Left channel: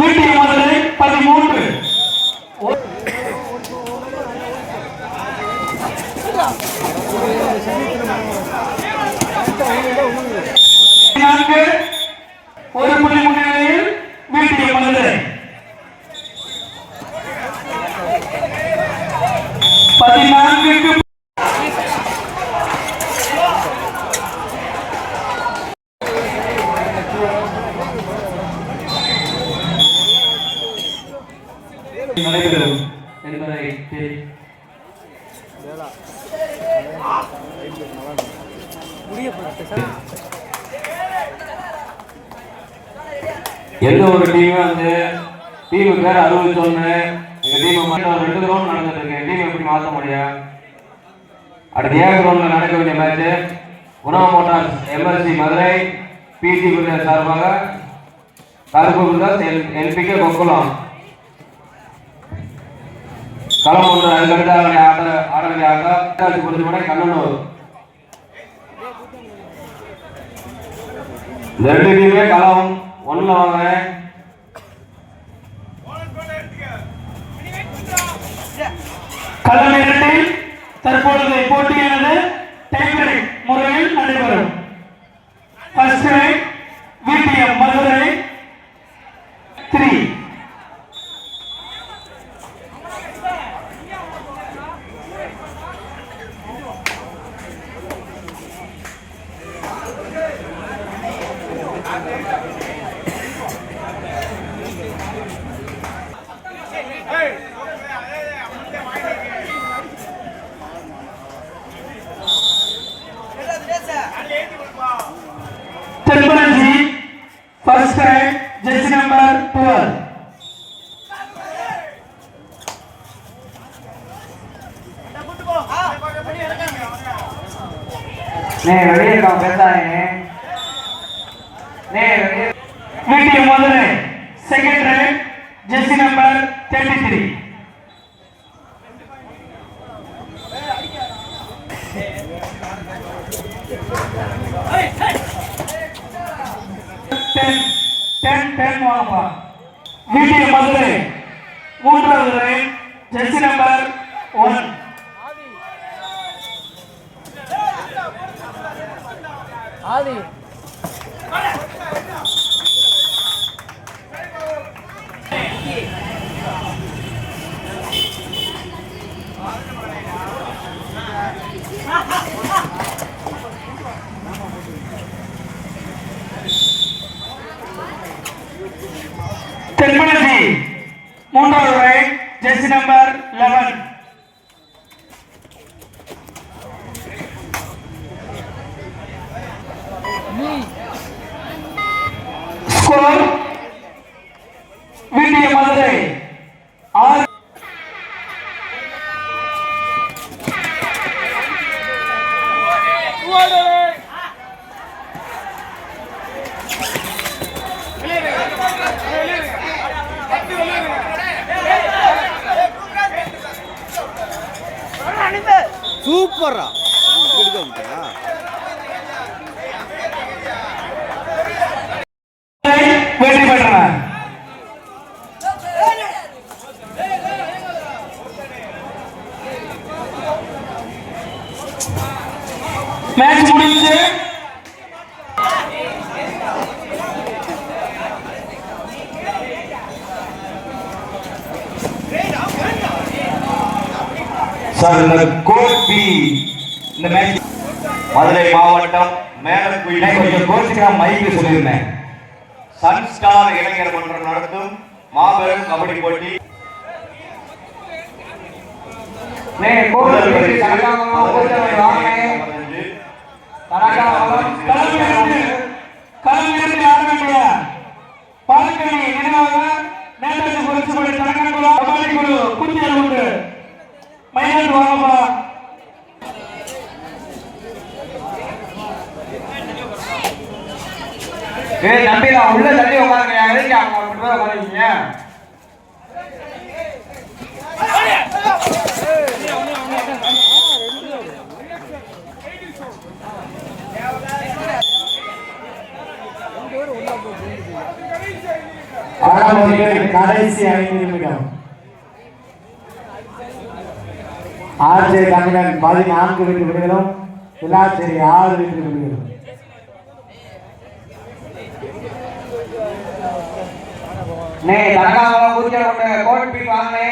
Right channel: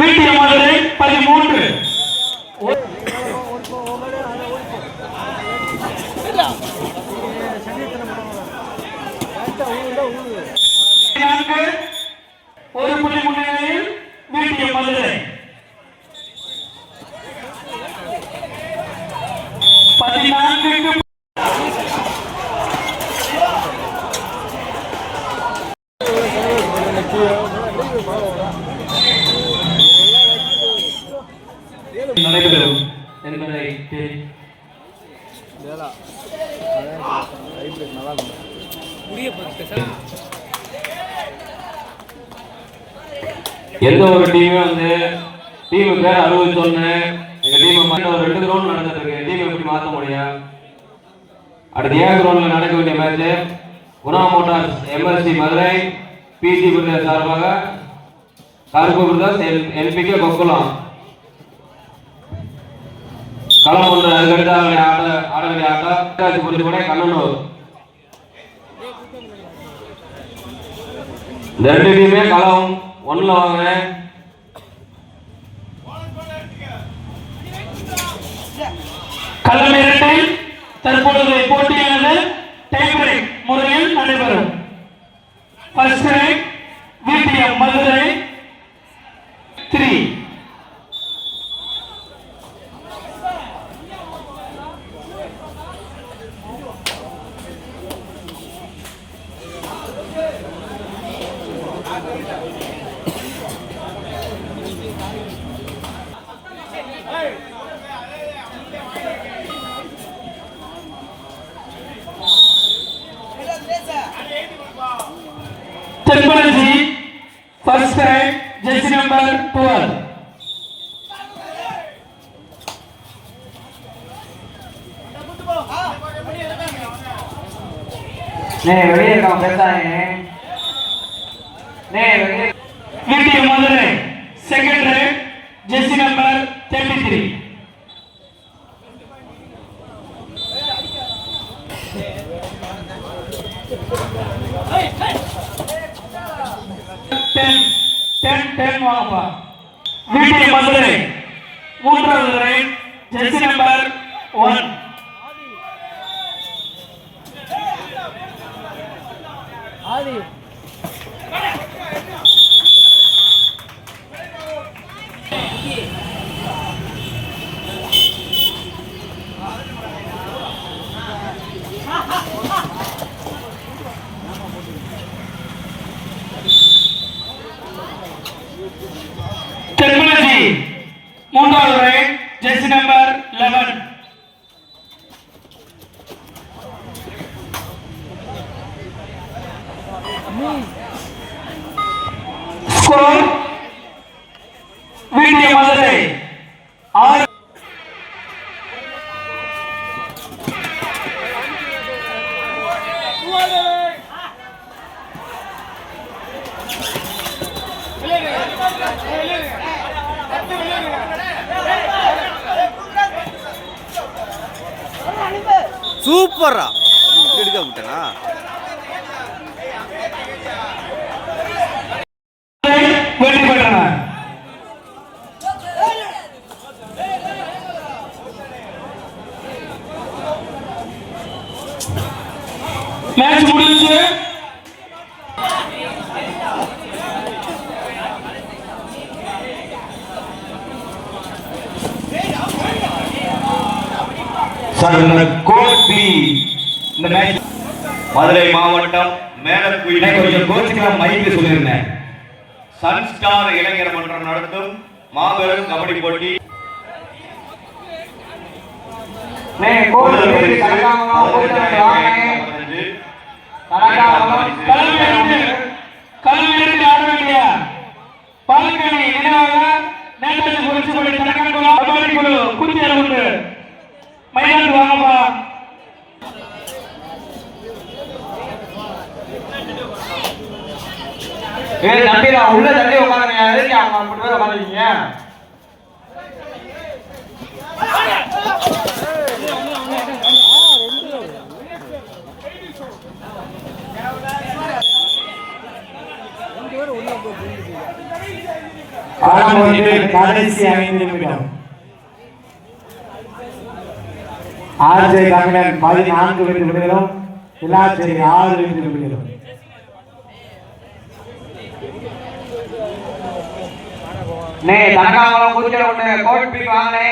வீட்டிய மதுரை 13. ஒரு புள்ளி முன்னிலையில் வீட்டிய மதுரை 14க்கு நடைபெறும் என்பதை எந்த ஒரு டீமும் வந்து டீமு பேர் அறிவிச்சோன்னு எங்க டீம் ஒரு 2 கிரவுண்ட் நடந்துட்டு இருக்கு. டீம் எப்படி மாற்ற முடியும்? அடுத்து ஏ கிரவுண்ட்ல நடக்க வேண்டிய match Guna Motors MSC Madurai PC Pillai சார்பாக கருப்பு பிரதர்ஸ் என்பிகே கொக்குளம் களம் ஒன்று. அதுக்கடுத்து ஆட வேண்டிய ஆட்டம் புரிஞ்சு கூட கண்ணனூர். இந்த 2 டீமே களம் 1ல வாங்க. களம் 2 தற்பொழுது போட்டியானது டைம் பிரேக் முறையில் நடைபெறும். ஃபர்ஸ்ட் ரைட் வீட்டியம் Madurai 3. Terminology first time jersey number 12. வெளியே இருக்கான் பேசாதே. வீட்டிய Madurai second right jersey number 33. ten வாங்கப்பா. வீட்டிய மதுரை மூன்றாவது ரைட் ஜெர்சி நம்பர் 1. ஆதி Terminology மூன்றாவது ரைட் ஜெர்சி நம்பர் 11. ஸ்கோர் வீட்டிய மதுரை 6. சூப்பரா எடுக்க விட்டனா வெற்றி பெற்றனர். மேட்ச் முடிஞ்சு மதுரை மாவட்டம் மேலக்குயிலை கொஞ்சம் கோச்சிக்கா மைக்கு சொல்லியிருந்தேன். சன் ஸ்டார் இளைஞர் மன்றம் நடத்தும் மாபெரும் கபடி போட்டி பாலக்கணி நினைவாக நேதாஜி புரட்சிப்படை கணக்கெடுப்பு கபடி குழு குடியேறு உண்டு. மைதானத்துக்கு வாங்கப்பா. தம்பி நான் உள்ள தள்ளி உட்காந்துருக்கேன். உட்காந்துருக்கீங்க களம் வந்து கடைசி 5 நிமிடம். ஆர்ஜே தமிழன் 14 வெற்றி புள்ளிகளும் விளாச்சேரி 6 வெற்றி புள்ளிகளும். தனக்காமலம் கூச்சல் கொண்டு கோட் பீட் வாங்கினே.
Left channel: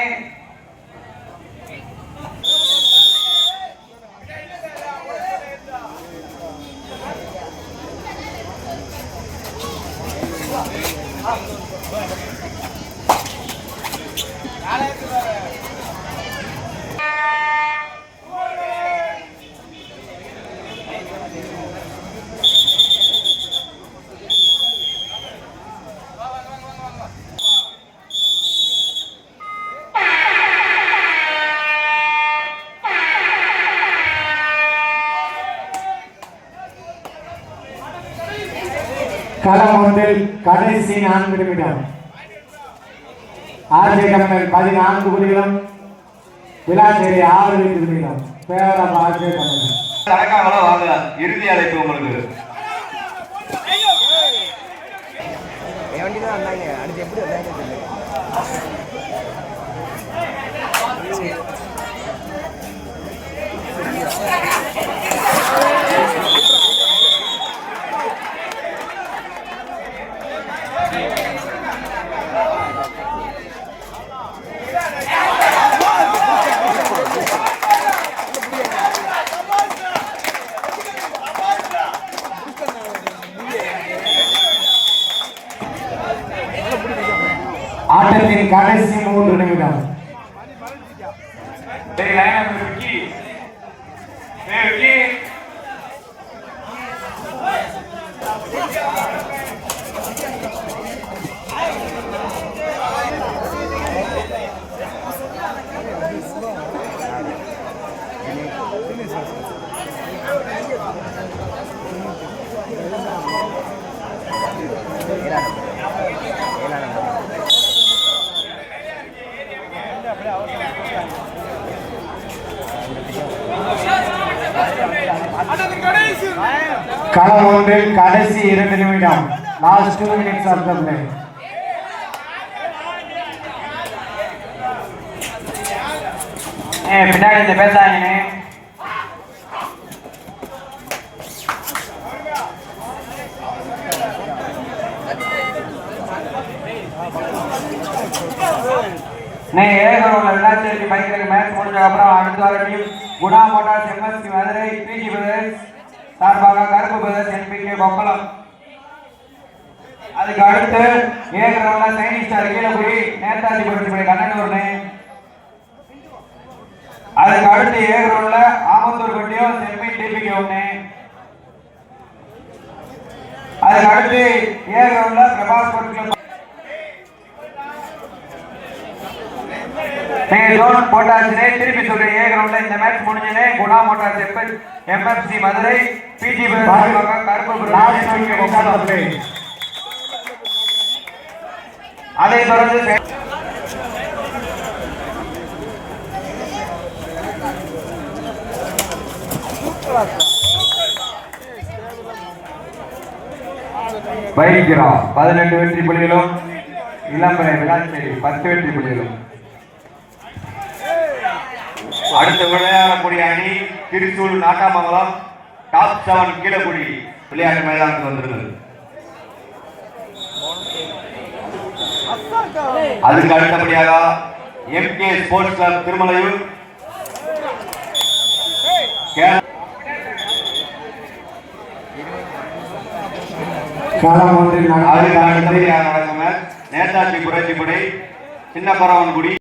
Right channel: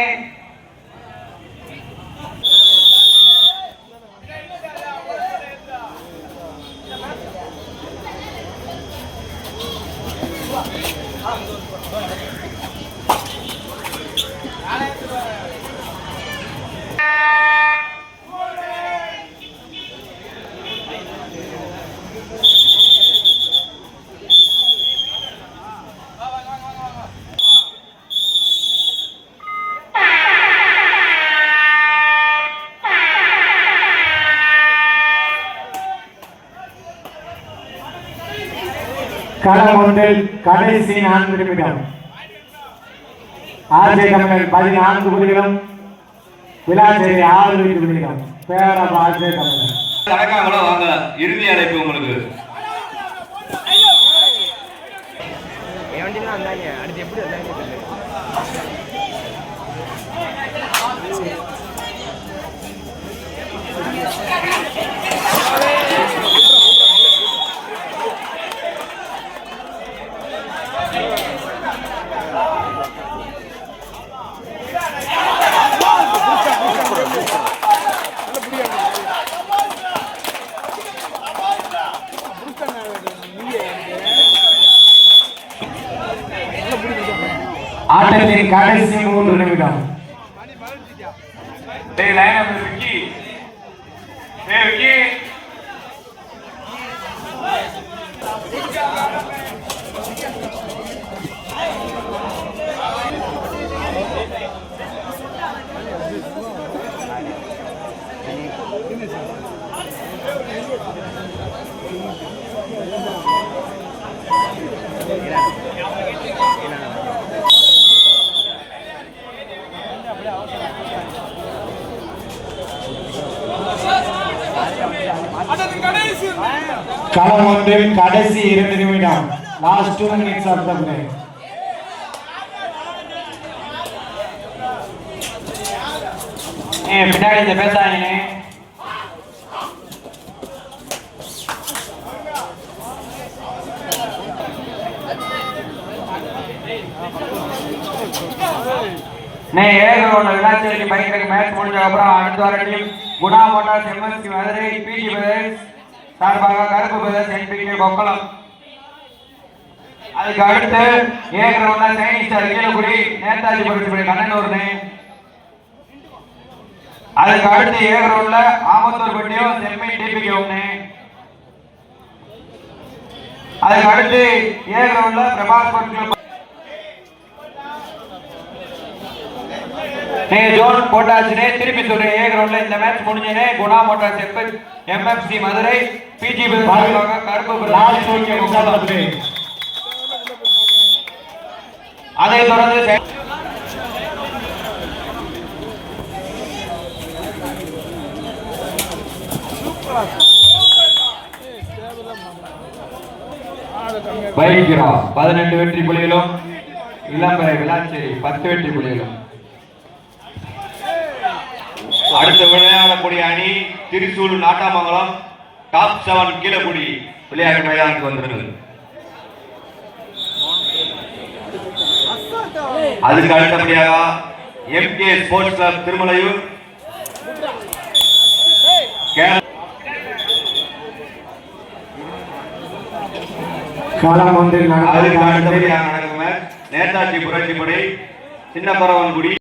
களம் ஒன்றில் கடைசி 4 நிமிடம். ஆர்ஜே தமிழன் 14 புள்ளிகளும் விளாச்சேரி 6 வெற்றி புள்ளிகளும். பேரம் ஆர்ஜே தமிழன். தனக்காமலம் வாங்கலாம். இறுதி அழைப்பு உங்களுக்கு. ஆட்டத்தின் கடைசி 3 நிமிடம். களம் ஒன்றில் கடைசி 2 நிமிடம். Last 2 minutes of the play. பின்னாடி பேசாங்க. விளாச்சேரிக்கு பைக்கு மேட்ச் முடிஞ்ச அப்புறம் அடுத்த வார team Guna Motors MSC Madurai PG brothers சார்பாக கருப்பு பிரதர்ஸ் என்பிகே கொப்பளம். அதுக்கு அடுத்து ஏ கிரவுண்ட்ல சைனிங் ஸ்டார் கீழக்குடி நேதாஜி புரட்சி கண்ணனூர்னு. அதுக்கு அடுத்து ஏ கிரவுண்ட்ல ஆமத்தூர் பட்டியும் செம்மி டிபிகே ஒண்ணு. அதுக்கு அடுத்து ஏ கிரவுண்ட்ல பிரபாஸ் பட்டியும் ஜோன் போட்டாச்சுனே. திருப்பி சொல்றேன், ஏ கிரவுண்ட்ல இந்த மேட்ச் முடிஞ்சனே குணா மோட்டார்ஸ் எம்எஃப்சி மதுரை பிஜி கருப்பு. அதை தொடர்ந்து வைக்கிறா 18 வெற்றி புள்ளிகளும் இளம்பரை விளாச்சேரி 10 வெற்றி புள்ளிகளும். அடுத்து விளையாடக்கூடிய அணி திருச்சூர் நாட்டாமங்கலம் டாப் 7 கீழக்குடி விளையாட்டு மைதானத்துக்கு வந்துருங்கள். அதுக்கு அடுத்தபடியாக எம்கே ஸ்போர்ட்ஸ் கிளப் திருமலையூர் களம் ஒன்றில் அதுக்கு அடுத்தபடியாக நடக்கும் நேதாஜி புரட்சிப்படை சின்ன பரவன்குடி